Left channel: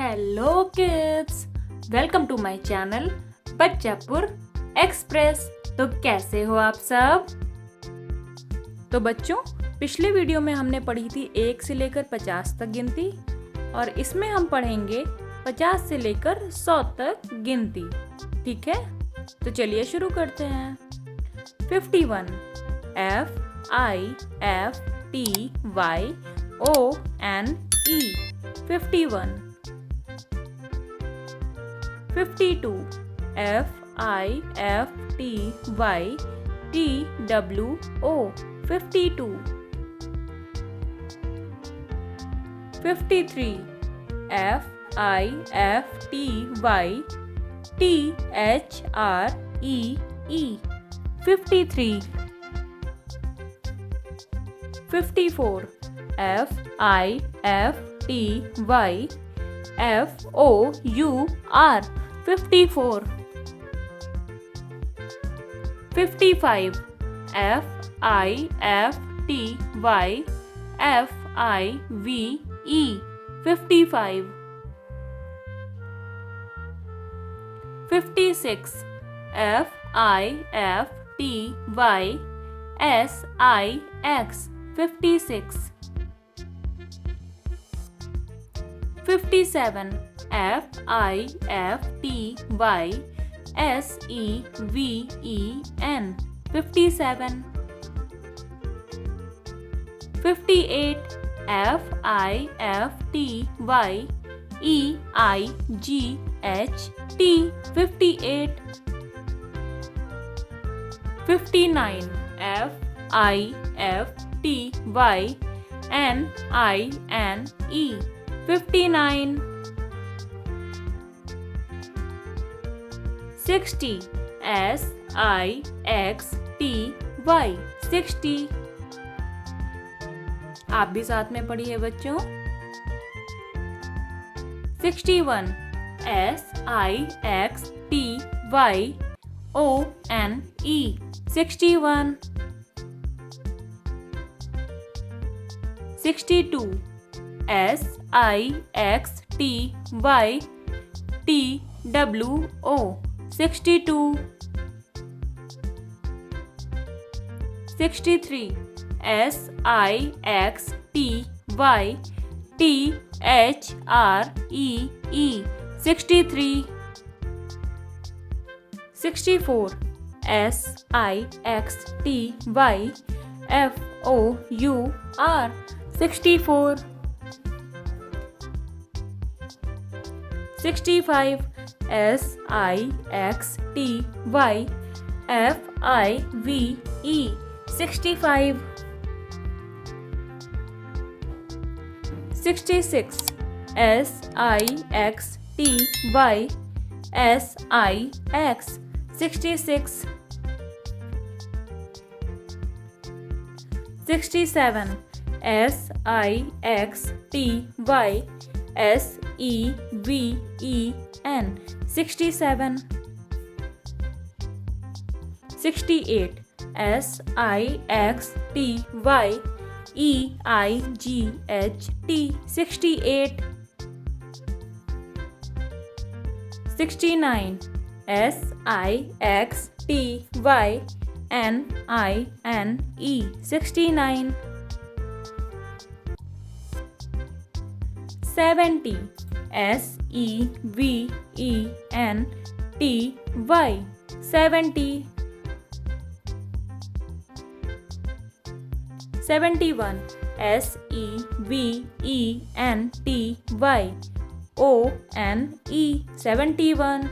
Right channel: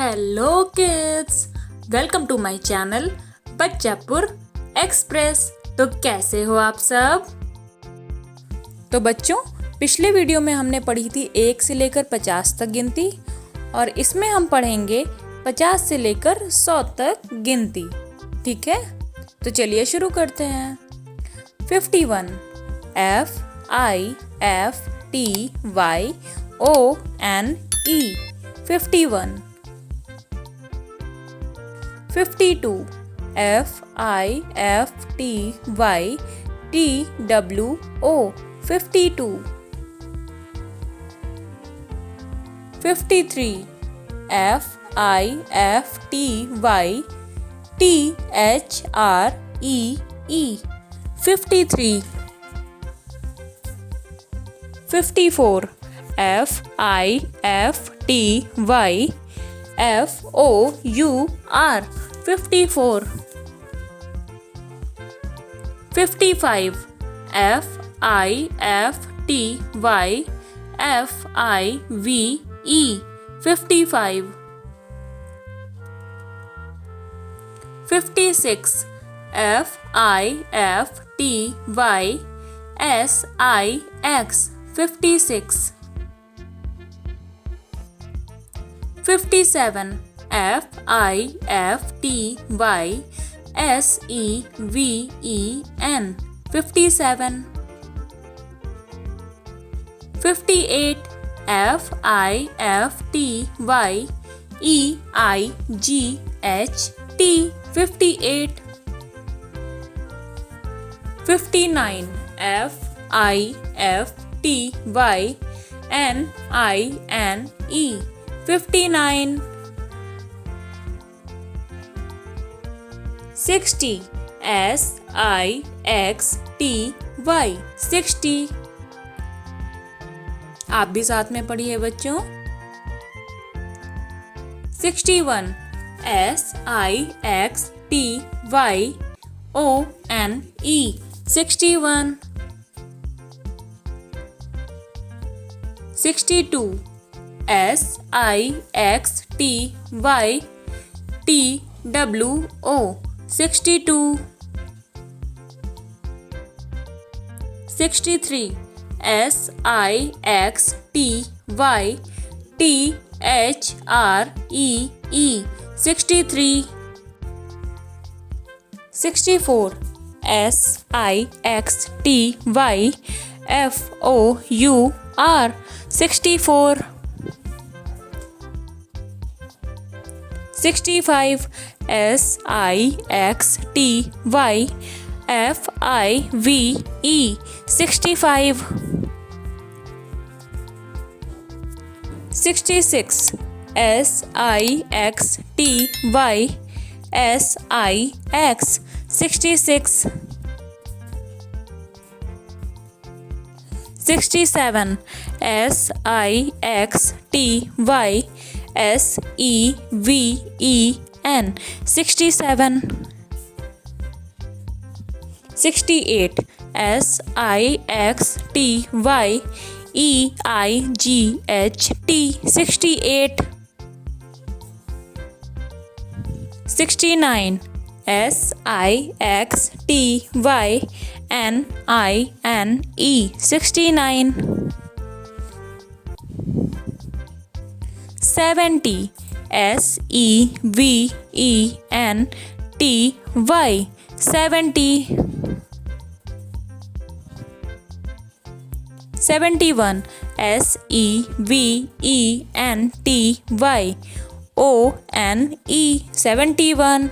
Hello kids, welcome to my channel Bachchapur Express. तो कैसे हो आप सब? तो बच्चों, पिछले वीडियो में हमने पढ़ी थी 1 से लेकर 50 तक गिनती और इसमें हम पढ़ेंगे 50 से लेकर 100 तक गिनती। ठीक है, तो चलिए शुरू करते हैं। 51 FIFTYONE 51। 52 FIFTYTWO 52। 53 FIFTYTHREE 53। 54 FIFTYFOUR 54। 55 FIFTYFIVE 55। 56 FIFTYSIX 56। 57 FIFTYSEVEN 57। 58 FIFTYEIGHT 58। 59 FIFTYNINE 59। 60 SIXTY 60। आप भी साथ में पढ़िए बच्चों। 61 SIXTYONE 61। 62 SIXTYTWO 62। 63 SIXTYTHREE 63। 64 SIXTYFOUR 64। 65 SIXTYFIVE 65। 66 SIXTYSIX 66। 67 SIXTYSEVEN 67। 68 SIXTYEIGHT 68। 69 SIXTYNINE 69। 70 SEVENTY 70। 71 SEVENTYONE 71।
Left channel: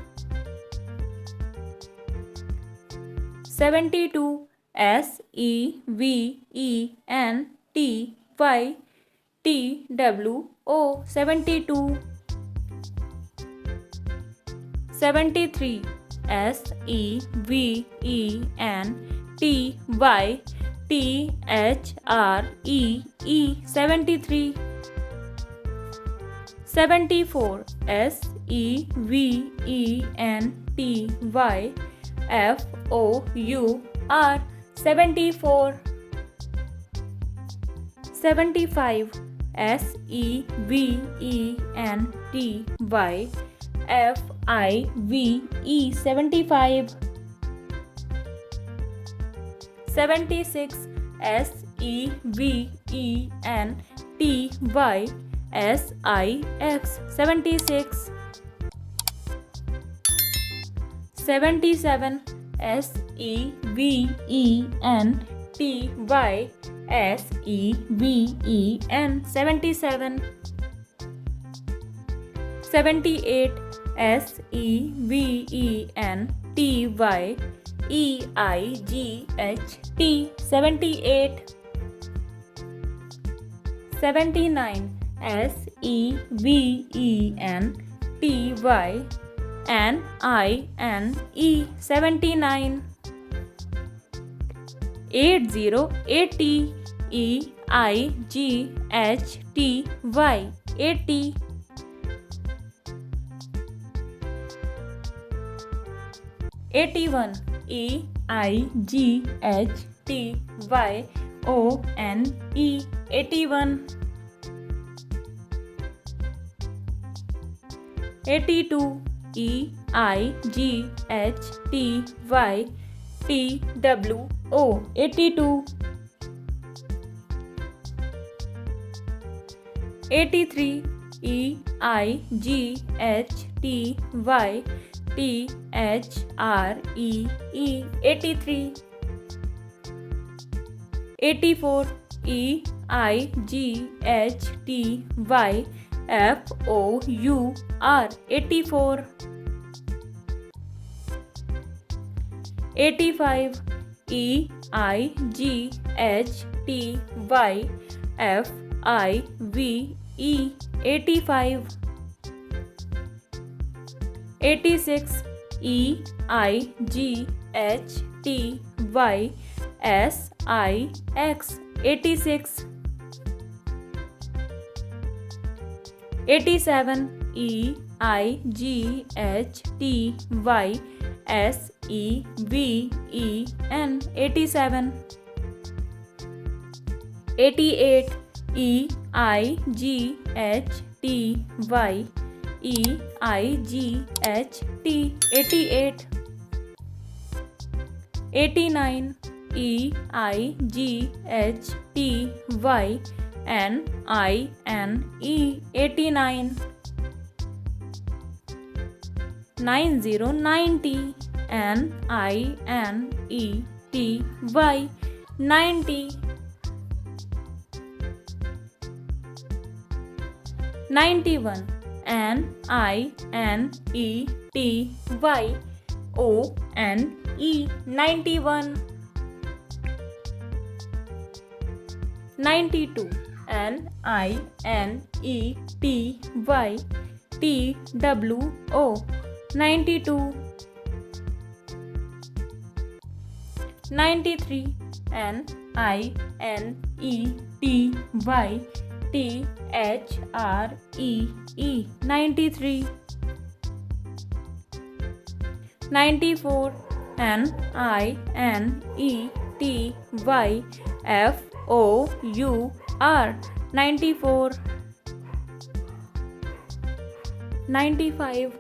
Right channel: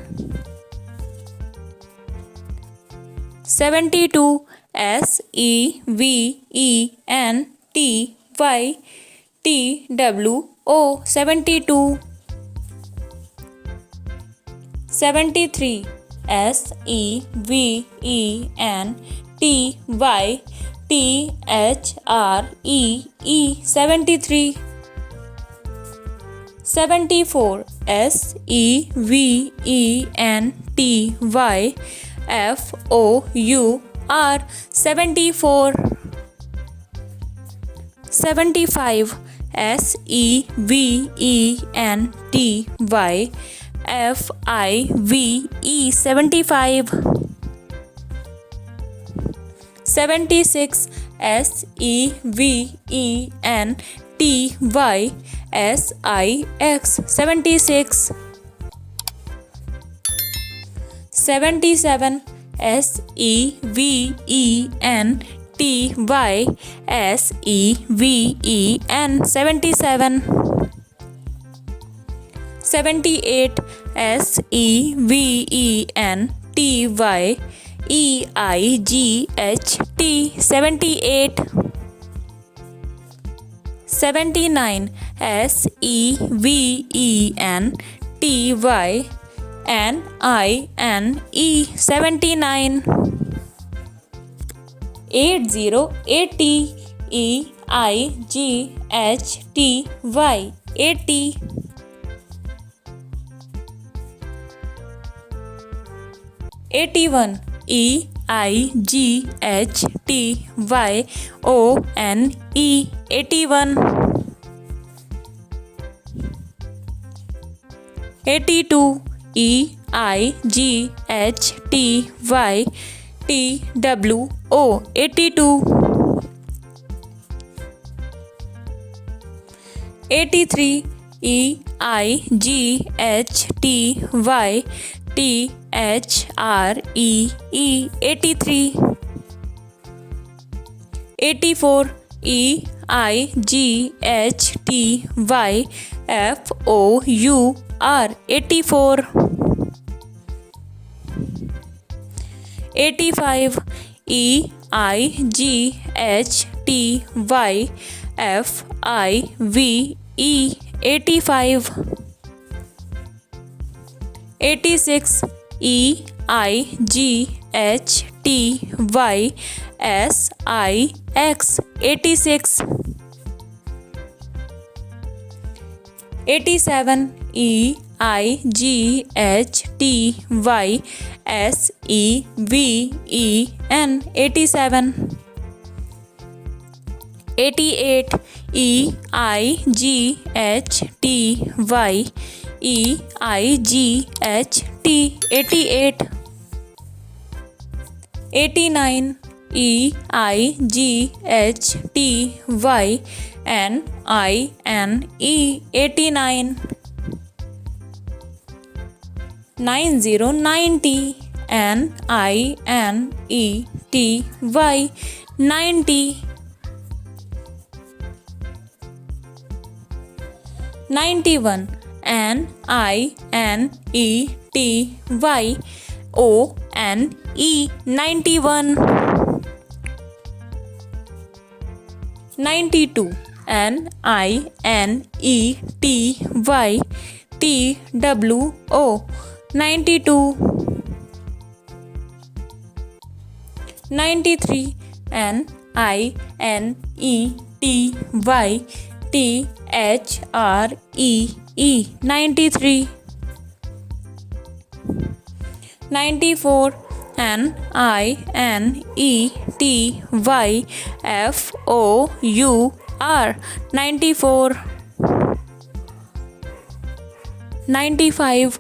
72 SEVENTYTWO 72। 73 SEVENTYTHREE 73। 74 SEVENTYFOUR 74। 75 SEVENTY, FIVE 75, 76, SEVENTY SIX 76, 77, SEVENTY SEVEN 77, 78, SEVENTY EIGHT 78, 79, SEVENTY NINE 79, 80, 80 EIGHTY 80, 81 EIGHTYONE 81, 82 EIGHTYTWO 82, 83 EIGHTYTHREE 83, 84 EIGHTYFOUR 84, 85 EIGHTYFIVE 85, 86 EIGHTYSIX 86, 87 EIGHTYSEVEN 87, 88 EIGHTYEIGHT 88, 89 EIGHTYNINE 89, 90 90 NINETY 90, 91 NINETY ONE 91, 92 NINETY TWO 92, 93 NINETY THREE 93, 94 NINETY FOUR 94, 95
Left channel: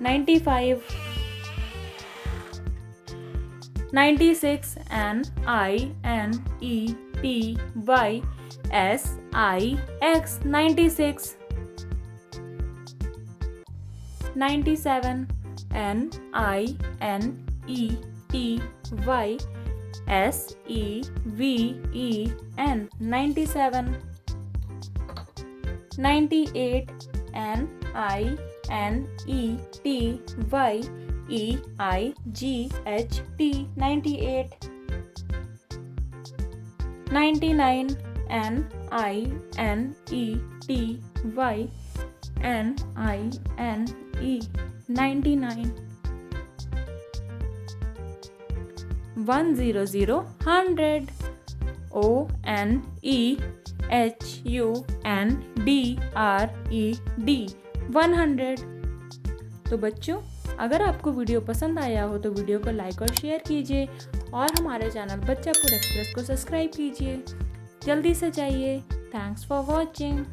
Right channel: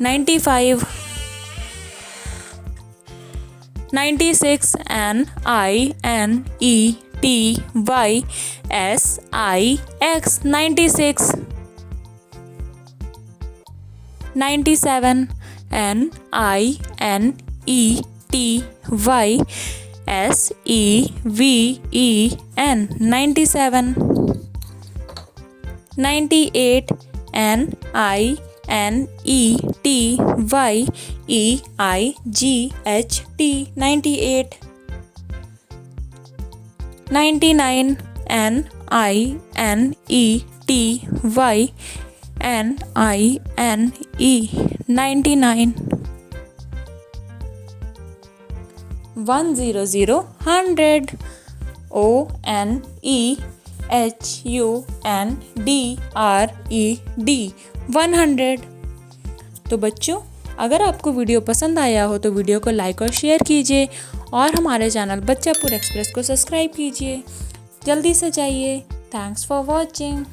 NINETY FIVE 95, 96 NINETY SIX 96, 97 NINETY SEVEN 97, 98 NINETY EIGHT 98, 99 NINETY NINE 99, 100 100 ONEHUNDRED 100। तो बच्चों अगर आपको video पसंद आया हो तो video को like और शेयर कीजिए और हमारे चैनल बच्चापुर एक्सप्रेस को सब्सक्राइब कीजिए। जल्दी से जाइए। Thanks for watching.